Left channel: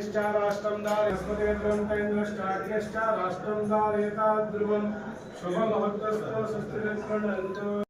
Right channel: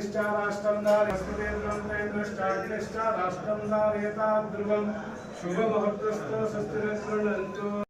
ष्टा राष्ट्रं दारिस्पते द्रन्तेन्द्रष्टाग्निष्टा राष्ट्रं दारेता ध्रुवं शुभमहत्वस्तो शस्त्रिर्गृणन्तु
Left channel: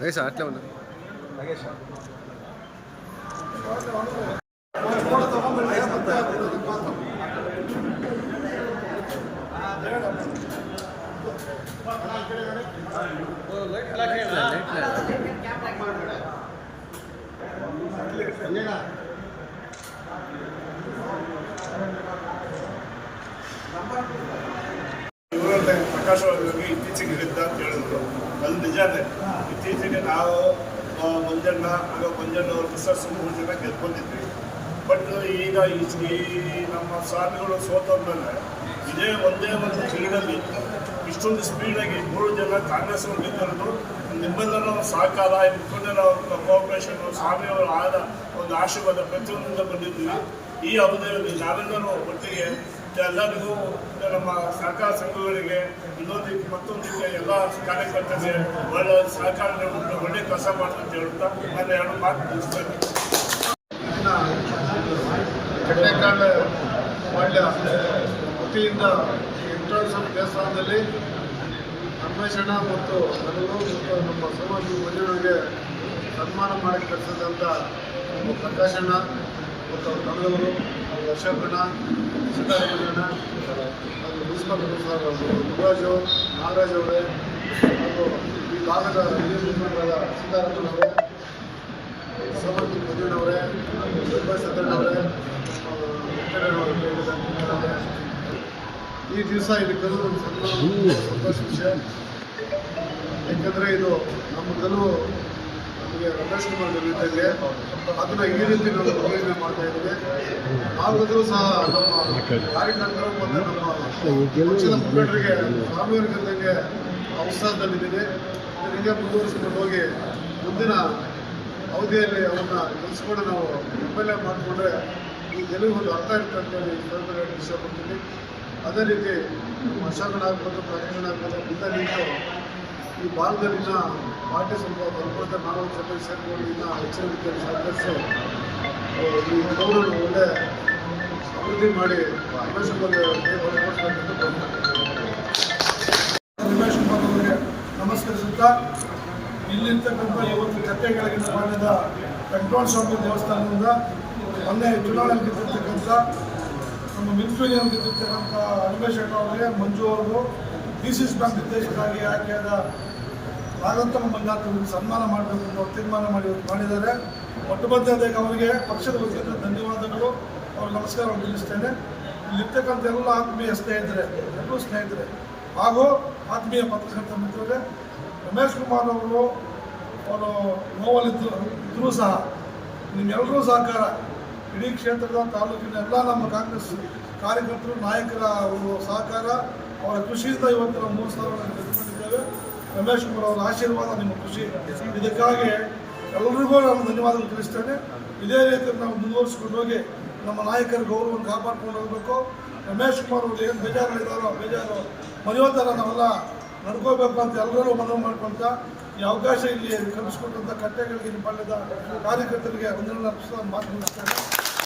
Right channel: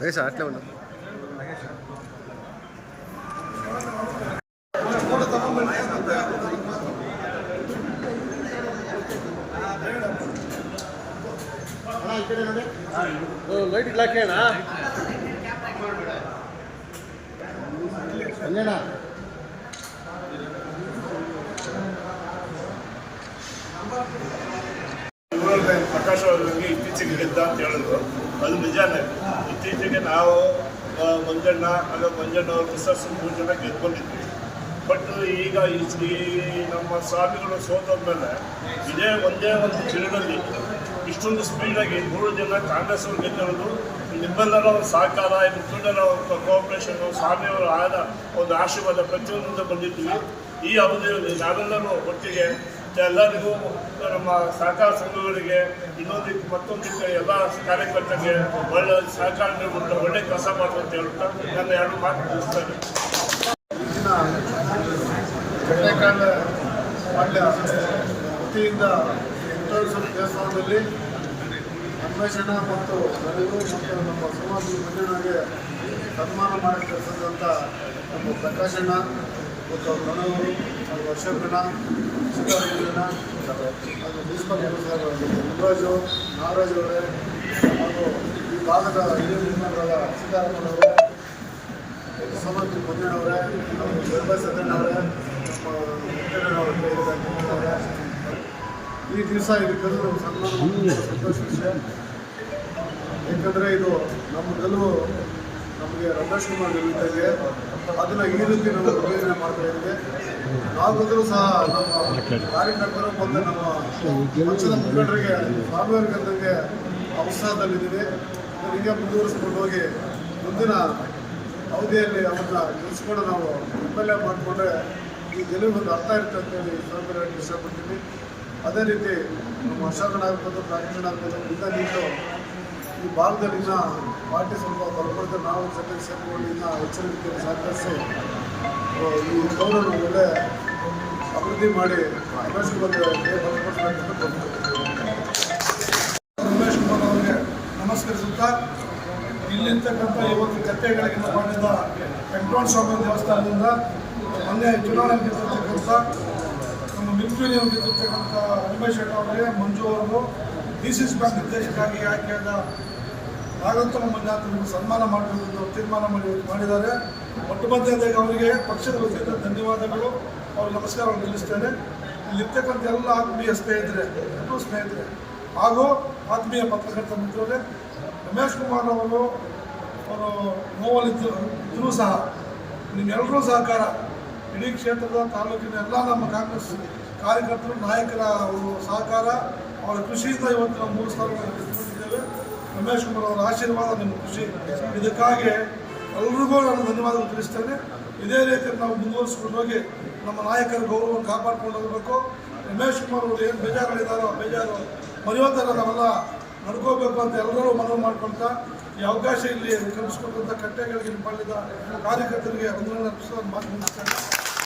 లగేష్ అట్లే ఉన్నా లైట్ ఇట్లా ಅವರಿಗೆ ಇತ್ತೀಚೆಗೆ ಗೆದ್ದ ಅಂತ ಹೇಳಿದ್ರು. ಅದು ನಿಜಾನೇ. ಇತ್ತೀಚೆಗೆ ನಾವು ಮಂಜಣ್ಣ, ಆಗ ಅವರು ಮಿಸ್ಸಸ್ ಮೂರು ಜನ ಗೆದ್ದು ಬಟ್ ಈಗ ಈ ನಮ್ಮ ಸ್ವಾಮಿಗಳು ಸೋತೋದ್ಮೇಲೆ ಇದೇ ಒಂದೇ ಒಂದು ಚಿರದಲ್ಲಿ ಇಷ್ಟೊಂದು ಸ್ಪೀಡಾಗಿ ಮೂರು ಜನ ಕಾಂಗ್ರೆಸ್ ಅವರು ಗೆದ್ದಿರೋದು, ನಿಮ್ಮೆಲ್ಲರ ಒಂದು ಸಹಕಾರ ಮುಖಂಡರ ಕೋಆಪರೇಷನ್ ಸ್ವಾಮಿಯವರ ಆದ ಒಂದು ಆಶೀರ್ವಾದ ಪ್ರತಿಯೊಂದರಿಂದ ಬಂದಿದ್ದೀವಿ. ಈ ಅವಧಿಯಲ್ಲಿ ನಾವೆಲ್ಲರೂ ಒಟ್ಟಿಗೆ ಎಲ್ಲರಿಗೂ ನಮ್ಮ ಸಹಕಾರ ಸಂಘಗಳಿಗೆ ಇನ್ನೊಂದಿಕ್ಕೆ ಮತ್ತೊಂದಿಕ್ಕೆ ಎಲ್ಲ ಕಾರ್ಯಕರ್ತರಿಗೆ ಒಳ್ಳೆ ಸಹಕಾರ ನೀಡ್ಬಿಟ್ಟು ಒಳ್ಳೆ ಕೆಲಸ ಅಂತ ಹೇಳುತ್ತಾ ನನ್ನ ಎರಡು ಮಾತು ತಿಳಿಸ್ತೇನೆ ಕಟ್ಟೇಕಾಂಡ ಪಾಳ್ಯ ವತಿಯಿಂದ ವೆಂಕಟೇಶ್ವರ ದೇವಸ್ಥಾನದಲ್ಲಿ ಅನ್ವೇಷಣ ಮತ್ತು ನನಗೂ ಮತ್ತು ನಮ್ಮ ಸಮಾಜ ಮಂಜುನಾಗೆ ಸನ್ಮಾನ ಮಾಡಕ್ಕೆ ಕಳಿಸಿದಂಥ ನಮ್ಮ ಪ್ರಕಾಶಣ್ಣ ಮತ್ತು ಅವ್ರ ತಂಡದವರು ಅವ್ರ ಅಶೋಕಣ್ಣ ಸಿದ್ದರಾಮಯ್ಯಣ್ಣ ಅದು ಮುನ್ಸಿಪಲ್ ಸರ್ ಮುರುಘರಾಜು ನಾಗರಾಜ್ ಅವರೇ ಹಾಗೂ ಈ ಭಾಗದ ಹಿರಿಯ ಮುಖಂಡರಾದ ಸಿದ್ದರಾಮಯ್ಯನವರೇ ಸಮರ್ಥಿ ಮಂಜಣ್ಣವರೇ ವೈಭವ ಸದಣ್ಣವರೇ ನಮ್ಮ ಈ ದಿವಸ ಇಲ್ಲಿ ಕರೆದು ನಮ್ಮ ಸಂತೋಷ ವಿಷಯ. ಏಕೆಂದರೆ ಇದು ನಮ್ಮ ಗೆಲುವು ನಮಗೆ ರಮೇಶ್ ಕುಮಾರ್ ಇದ್ದಂಗೆ ಅದನ್ನ ಈ ರೀತಿ ನಾವು ಪ್ರಯೋಜನೆ ಮಾಡ್ತಾ ಇದ್ದೇವೆ. ನಾವಾಗಲೂ ಸಹ ನಮ್ಮ ಕಾರ್ಯಕರ್ತರು ಮತ್ತು ನಮ್ಮ ಪಕ್ಷದ ಮುಖಂಡರಿಗೆ ಸ್ವಾಮಿಯವರಿಗೆ ಇದ್ದಂಗೆ ಉತ್ಸಾಹದಲ್ಲಿದ್ದೀವಿ ಹಿಂಗೆ ಮುಂದುವರಿಸ್ಕೊಂಡು ಹೋಗಿ ಮುಂದಿನ ಅವಧಿಯಲ್ಲಿ ಅವ್ರನ್ನ ಗೆಲ್ಸ್ಕೊಂಡು ನಾವು ಎಂ ಎಲ್ ಎ ಮಾಡಿಕೊಂಡ್ರೆ ಈ ಗೆಲುವಿಗೆ ಒಂದು ಅರ್ಥ ಇರುತ್ತೆ ಅಂತೇಳಿ ಸಂದರ್ಭದಲ್ಲಿ ಇಷ್ಟಪಡ್ತೀನಿ ಅದೇ ರೀತಿ ನಮ್ಮ ಅಶೋಕನ ಆಗ್ಬೋದು ಪ್ರಕಾಶನ ಆಗ್ಬೋದು ಮುಂದೆ ನಿಂತು ಈ ಭಾಗದಲ್ಲಿನ ಪಾರ್ಟಿ ಸ್ವಲ್ಪ ಬರ್ಕೊಳ್ತಾ ನಾವು ಜೊತೆಗೆ ಸೇರಿಕೊಂಡು ಇನ್ನ ರೀತಿಯಲ್ಲಿ ಸಹಕರಿಸಿ ಈ ಗೌರವ ಒಳ್ಳೆ ಅಭಿವೃದ್ಧಿ ಮಾಡಿ ರಮೇಶ್ ಕುಮಾರ್ ಬಲಪಡಿಸಬೇಕಂತ. ರಮೇಶ್ ಕುಮಾರ್ ಅವರಿಗೆ ನಮಸ್ಕರಿಸುತ್ತಾ, ಇಲ್ಲಿರ್ತಕ್ಕಂಥ ಇವತ್ತು ಕತ್ತೆಗಳಿಗೆ ಮಾಡಿದ ವೆಂಕಟರಮಣ ಸ್ವಾಮಿ ದೇವಸ್ಥಾನದಿಂದ ಮೊನ್ನೆ ಚುನಾವಣೆ ಗೆದ್ದಿರ್ತಕ್ಕಂಥ ನಮ್ಮ ಮಿಲ್ಕ್ಯೂನಿಯನ್ ಗೆದ್ದಿರ್ತಕ್ಕಂಥ ರಮೇಶ್ ಅಣ್ಣ ಅವರಿಗೆ ಮಂಜು ಅವರದು ಡಿ ಸಿ ಸಿ ಬ್ಯಾಂಕ್ ನಿರ್ದೇಶಕರಾಗಿ ಆಯ್ಕೆಯಾದ ಮಂಜುನಾಥ್ ಅವರಿಗೆ ಸನ್ಮಾನ ಅವ್ರು ತೀರ್ಮಾನ ಮಾಡಿ ಮಾಡಿದ್ದಾರೆ. ಮೊಟ್ಟ ಅವರಿಗೆ ಪಕ್ಷದ ವತಿಯಿಂದ ಧನ್ಯವಾದಗಳು. ಅವ್ರ ನಮಸ್ಕಾರವನ್ನು ತಿಳಿಸ್ತೇನೆ ಇಲ್ಲಿರ್ತಕ್ಕಂಥ ಎಲ್ಲ ಆತ್ಮೀಯ ಸ್ನೇಹಿತರೆ, ಎಲ್ಲರೂ ಸ್ನೇಹಿತರೆ, ಹಾಗೂ ಆತ್ಮೀಯ ಪತ್ರಕರ್ತ ಮಿತ್ರರೇ, ರಮೇಶ್ ಕುಮಾರ್ ಅವರು ಅವರು ನೋವಲ್ಲಿದ್ದು ಇದ್ರೂ ಸಹ ನಿಮ್ಮೆಲ್ಲರೂ ಸಹಕಾರ. ಇಡೀ ಕ್ಷೇತ್ರದ ತಾಲೂಕಿನ ಎಲ್ಲ ನಮ್ಮ ಕಾಂಗ್ರೆಸ್ ಕಾರ್ಯಕರ್ತರು, ನಾಯಕರ ಸಹಕಾರ. ಅವರ ಕೃಷಿಯಿಂದ ಇವತ್ತು ನಾವು ಮೂರು ಸಾವಿರ ಗೆದ್ದುಕೊಂಡಿದ್ದೇವೆ. ರಮೇಶ್ ಕುಮಾರ್ ಅವರ ಆಶೀರ್ವಾದ ನಿಮ್ಮ ಖುಷಿ ಇದಕ್ಕಾಗಿ ಎಲ್ರಿಗೂ ನಾನು ಧನ್ಯವಾದ ತಿಳಿಸ್ತೇನೆ. ಇದೇ ರೀತಿ ನಾವು ಮುಂದುವರಿಸ್ಕೊಂಡು ಹೋಗಿ ನಮ್ಮ ನಾಯಕರ ಗೌರವವನ್ನು ಕಾಪಾಡಿಕೊಂಡು ಹೋಗಬೇಕು ರಮೇಶ್ ಕುಮಾರ್ ಅವರು ಏನು ಬೇಜಾರುಗಳಿದ್ದಾರೋ ಬೇಜಾರು ಮರೆಯೋತರ ನಾವೆಲ್ಲ ನಡ್ಕೋಬೇಕು ಅಂತ ಎಲ್ಲರೂ ಮನವಿ ಮಾಡ್ಕೊಳ್ತಾ, ಈ ಅವಕಾಶ ಇಲ್ಲಿ ಕಲಿಸ್ಕೊಟ್ಟಂಥ ಕಟ್ಟೆಗಳಿಗೆ ಪಾಳ್ಯದ ಕಾರ್ಯಕರ್ತರಿಗೆ ವಂದನೆ ಮಾತು ಮುಗಿಸ್ತೇನೆ.